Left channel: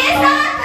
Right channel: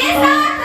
Please, sir.